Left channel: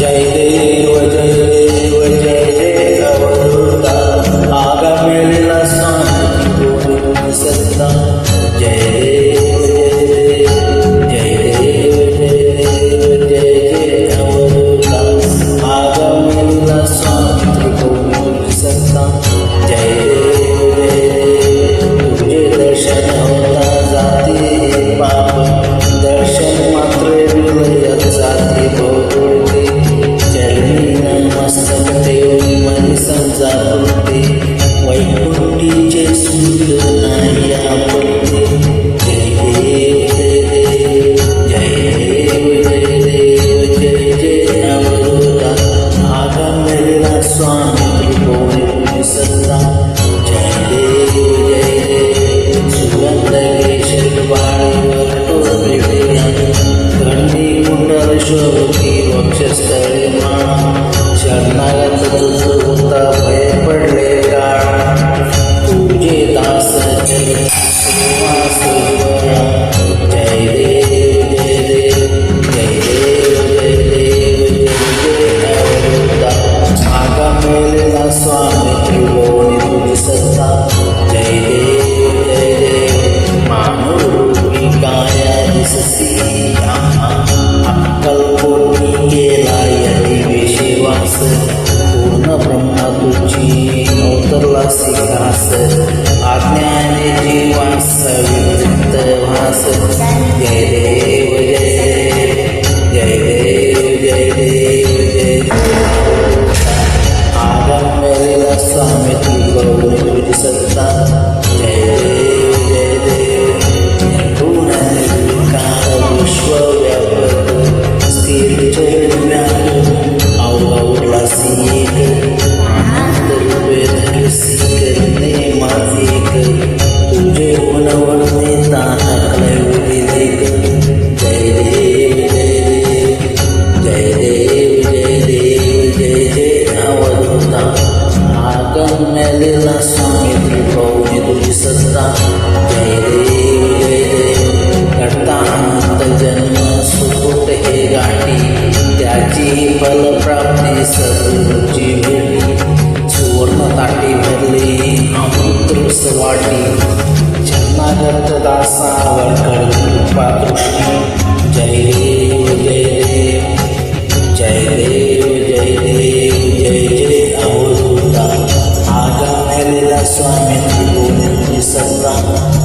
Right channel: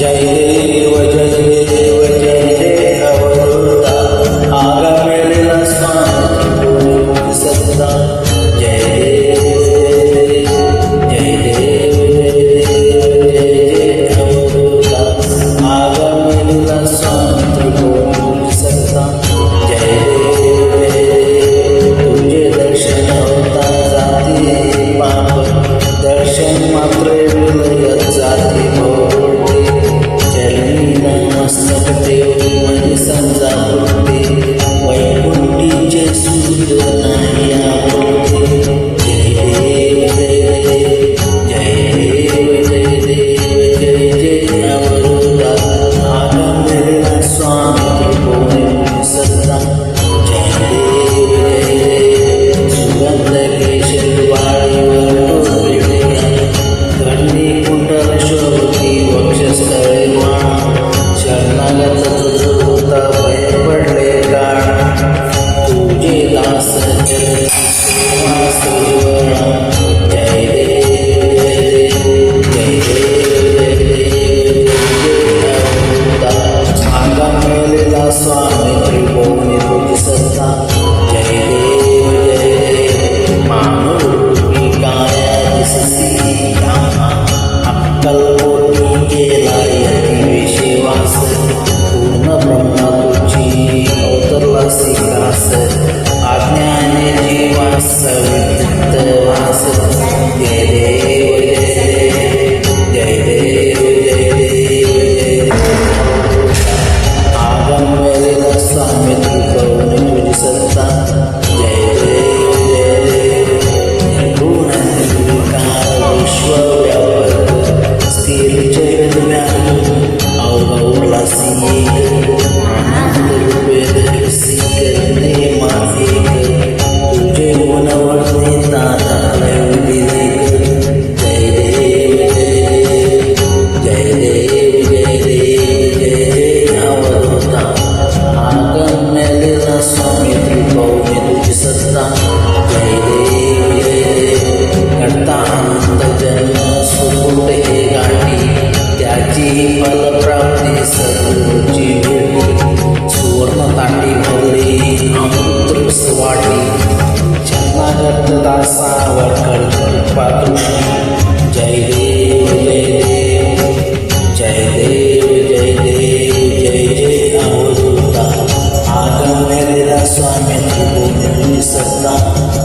जय देव जय देव जय जय अवधूता आगमेलेला स्वामीची कोणी तुझी सत्ता जय देव जय देव जय देव जय देव जय जय अवधूता आगमेलेला स्वामी त्रिकोणी तुझी सत्ता जय देव जय देव तुझे दर्शन होता जाती पाप दर्शन मात्र विलयत जाती भोगुळते चरणी नमस्तक ठेवून मनी समजा पुरते वैकुंठीचे सुख नाही आपुलते जय देव जय देव जय देव जय देव जय जय अवधूता आगमलेला स्वामी त्रिकोणी तुझी सत्ता जय देव जय देव सुगंध केशर वाळीवर टोपे घडणी कुंडल शोभती वक्षस्थळी माळ शरणागत तुझ होता भय पडले काळ तुझे दास जलती सेवा सुज्वळा जय देव जय देव जय देव जय देव जय जय अवधूता आगमेलेला स्वामी त्रिभुवनी तुझी सत्ता जय देव जय देव मानवरूपी काया दिसती अक्कलकोटी केला यती विषेवास पूर्ण ब्रह्मा तुझी अवतरला सिकास आज्ञाने जीवास विमुक्त वास जय देव जय देव जय देव जय देव जय देव आगमलेला स्वामी त्रिभुवनी तुझी सत्ता जय देव जय देव निर्गुण निर्विकार विश्वव्यापक स्थिर चरण व्यापक अवघावरलासी एक अनंत रूपे धरसी करणे माफिक तुझे गुणवर नेता टाकले विधिलेख जय देव जय देव जय देव जय देव जय जय अवधूता आगमलेला स्वामी त्रिभुवनी तुझी सत्ता जय देव जय देव घडता अनंत जन्म सुकुट हे गाठी त्याची फलप्राप्ती सद्गुरूची भेटी सुवर्ण ताटी भरली अमृतरस वाटी शरणागत दासावर कर कृपा दृष्टी जय देव जय देव जय देव जय देव जय जय अवधूता आगमलेला स्वामी त्रिभुवनी तुझी सत्ता